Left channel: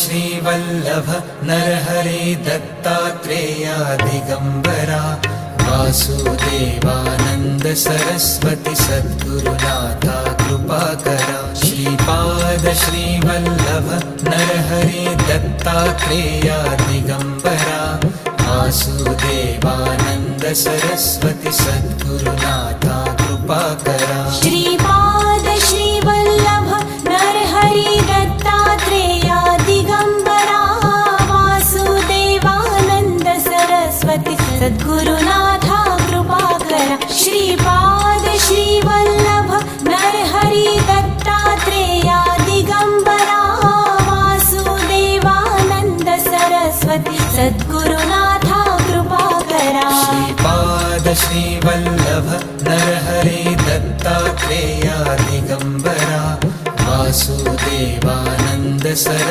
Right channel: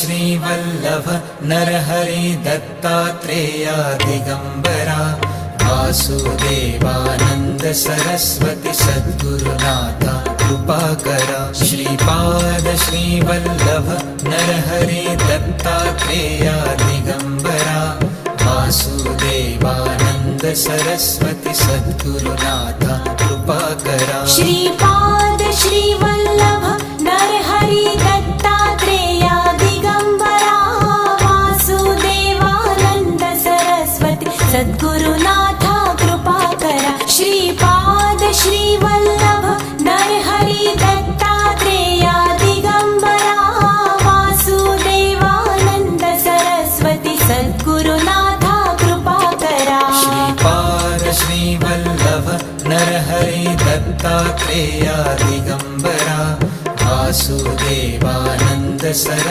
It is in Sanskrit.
श्रीवल्लभ नरहरि दत्तात्रेया दिगंबरा वासुदेवानंद सरस्वती सद्गुरुनाथा कृपाकरा श्रीपाद श्रीवल्लभ नरहरि दत्तात्रेया दिगंबरा वासुदेवानंद सरस्वती सद्गुरुनाथा कृपाकरा श्रीपाद श्रीवल्लभ नरहरि दत्तात्रेया दिगंबरा वासुदेवानंद सरस्वती सद्गुरुनाथा कृपाकरा श्रीपाद श्रीवल्लभ नरहरि दत्तात्रेया दिगंबरा वासुदेवानंद सरस्वती सद्गुरुनाथा कृपाकरा श्रीपाद श्रीवल्लभ नरहरि दत्तात्रेया दिगंबरा वासुदेवानंद सरस्वती